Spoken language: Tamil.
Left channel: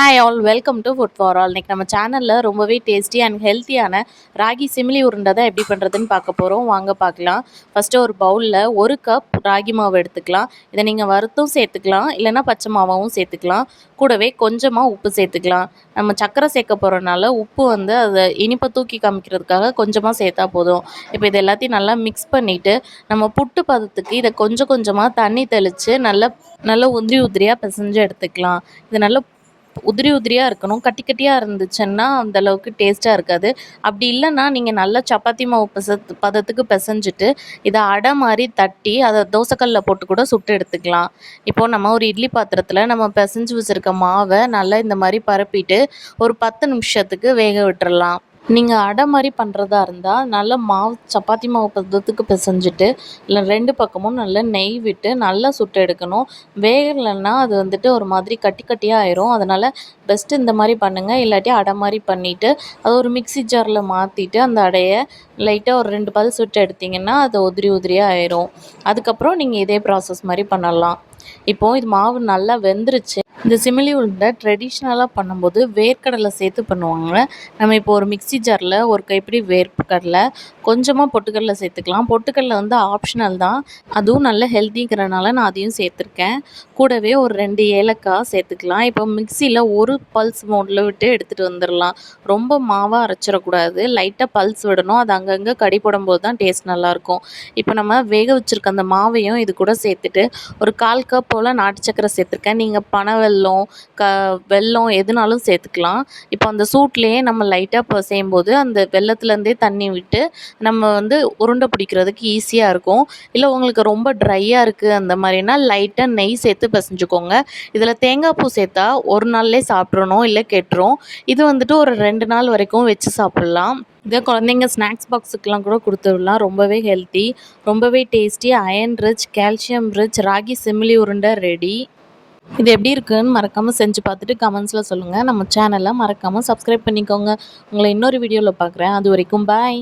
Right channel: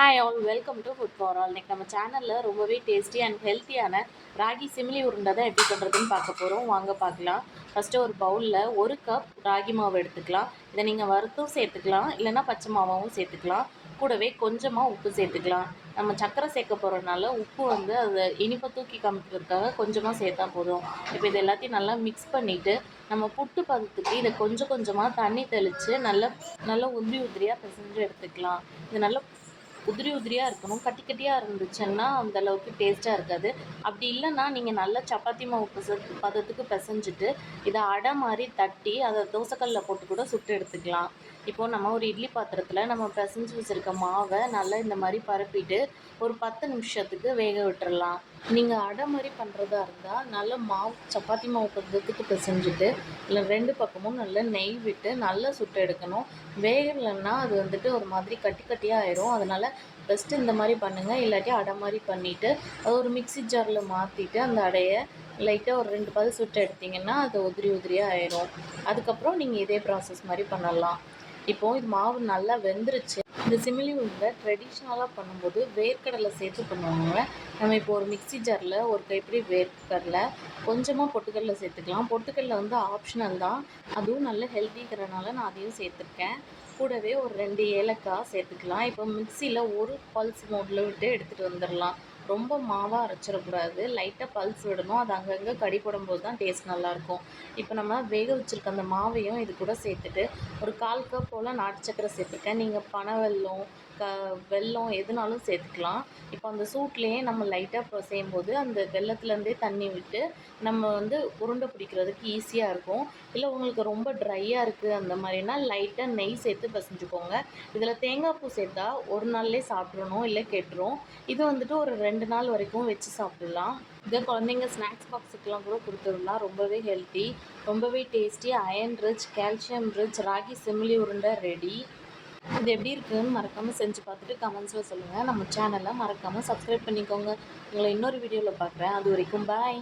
Hi all welcome to food for all இன்றைக்கி நம்ம சேனலில் ரொம்பவே டேஸ்டி அண்ட் ஹெல்த்தியான ராகி சிமிலி உருண்டை தான் எப்படி பண்ணுறதுன்னு பார்க்க போகிறோம் வாங்க பார்க்கலாம். ஃபஸ்ட்டு ஒரு பவுலில் ஒரு கப் ராகி மாவு எடுத்துக்கலாம். இதை நீங்கள் வறுத்தும் சேர்த்துக்கலாம் இல்லைன்னா பச்சை மாவாகவும் சேர்த்துக்கலாம். கூடவே கொஞ்சமாக உப்பு சேர்த்துக்கலாம். நம்ம சக்கரை சேர்க்க போகிறனால உப்பு வந்து அதை இனிப்பை தூக்கி காமிக்கிறதுக்காக கொஞ்சமாக சேர்த்தா போதும். இப்போ இது எல்லாத்தையும் நல்லா மிக்ஸ் பண்ணிவிட்டு நம்ம புட்டு பதத்துக்கு இதை கொஞ்சம் கொஞ்சமாக தண்ணி தெளித்து நல்லா நல்லா உதிரி உதிரியாக பிசைஞ்சு எடுத்துக்கலாம். இது நல்லா உதிரி உதிரியாக இருக்கணும். கட்டி கட்டியாக இருந்துச்சுன்னா அந்தளவுக்கு டேஸ்ட்டாக இருக்காது. அப்படி இல்லைன்னா நீங்கள் நல்லா சப்பாத்தி மாவு பச பதத்துக்கு பிசைஞ்சிட்டு இதை அடை மாதிரி தட்டி அதை தோசைக்கல்லில் போட்டு கூட சுட்டு எடுத்துக்கலாம். இப்போது நம்ம ஒரு இட்லி பாத்திரத்தில் நம்ம பிசைஞ்சு வச்சுருக்க மாவை நல்லா இந்த மாதிரி பரப்பிட்டு ஒரு பத்து நிமிஷத்துக்கு வேக விட்டுறலாம். நீங்கள் அடை மாதிரி பண்ணுறதா இருந்தால் நல்லா மாவு சப்பாத்தி மாவு பதத்துக்கு பிசைஞ்சிட்டு இல்லை ரெண்டு பக்கமும் நல்லா நெய் விட்டு நல்லா சுட்டு எடுக்கணும். வேகலைன்னா அது வந்துட்டு ஒரு மாதிரி கட்டி கட்டியாக ஆயிரும். அதனால் பெஸ்ட்டு இந்த மாதிரி பண்ணுங்கள் இல்லாட்டி அடை மாதிரி பண்ணிவிட்டு அது ஒரு மிக்ஸி ஜாரில் மாற்றிட்டு அந்த அடையை லைட்டாக ஒரு ரெண்டு பல் சுட்டு எடுத்திங்கன்னா அது உதிரி உதிரியாக ஆயிரும். அதுக்கப்புறம் நீங்கள் இதே ப்ராசஸ் மாதிரி பண்ணலாம். இப்போது இது மாவு நல்லா வெந்துருச்சு. இந்த சிமிலி உருண்டை ட்ரெடிஷ்னலாக பண்ணும்போது வேர்க்கடலை சேர்த்து பண்ணுவாங்க நம்ம இப்போ ஒரு மிக்ஸி ஜாரில் ஒரு கைப்பிடி வேர்க்கடலை கொஞ்சமாக பொட்டுக்கடலை சேர்த்துக்கலாம். பொட்டுக்கடலை வந்து ஆப்ஷனல் தான். அதுவும் நல்ல ஹெல்த்திங்கிறனால நான் அதையும் சேர்த்துருக்கேன். கூடவே ஒரு ரெண்டு ஏலக்காய் சேர்த்துக்கலாம். இப்போ மிக்சியில் ஒரு பல்ஸ் மோடில் விட்டு எடுத்துகிட்டு வந்துடலாம் ரொம்ப மாவாக அரைச்சிடக்கூடாது. லைட்டாக பல்ஸ் விடணும். அது அங்கங்கே கடி போடும்போது தான் டேஸ்ட் நல்லாயிருக்கும். இப்போ நம்ம வேக வச்சுருக்க அந்த மாவையும் இது கூட சேர்த்துட்டு ஒரு கால் கப் போல் நாட்டு சக்கரை சேர்த்துருக்கேன். நீங்கள் பனை வெல்லம் க வெல்லம் எதுனாலும் சேர்த்துக்கலாம். இப்போ அந்த சூட்லேயே நம்ம லைட்டாக இப்போ செய்யும்போது அந்த வெள்ளத்துலேருந்தே தண்ணி விட்டு நம்ம வந்து உருண்டை பிடிக்கிறதுக்கு ஈஸியாக இருக்கும். இல்லை உங்களுக்கு ரொம்ப ட்ரையாக இருக்குது அந்த மாதிரினா லைட்டாக நெய் சேர்த்து பிசைஞ்சுக்கோங்க. இதில் தேங்காய் பூ சேர்த்தா ஒரு நாள்லேயே சாப்பிட்றணும் இல்லை கெட்டுரும். இது வந்துட்டு ஒரு ரெண்டு நாள் வரைக்கும் வச்சு சாப்பிட்லாம். இதை குழந்தைங்க ஸ்நாக்ஸ் பாக்ஸுக்கெலாம் கூட கொடுத்துடலாம். ரொம்பவே ஹெல்த்தி ரொம்பவே tasty iron rich calcium rich ragi சிமிலி உருண்டை ரெடி இது எப்படி இருக்குன்னு மறக்காமல் செஞ்சு பார்த்துட்டு கமெண்ட்ஸில் சொல்லுங்கள் நம்ம சேனலை மறக்காமல் சப்ஸ்கிரைப் பண்ணிக்கோங்க. உங்களை இன்னொரு வீடியோவில் பார்க்குறேன். அது வரைக்கும் பாய்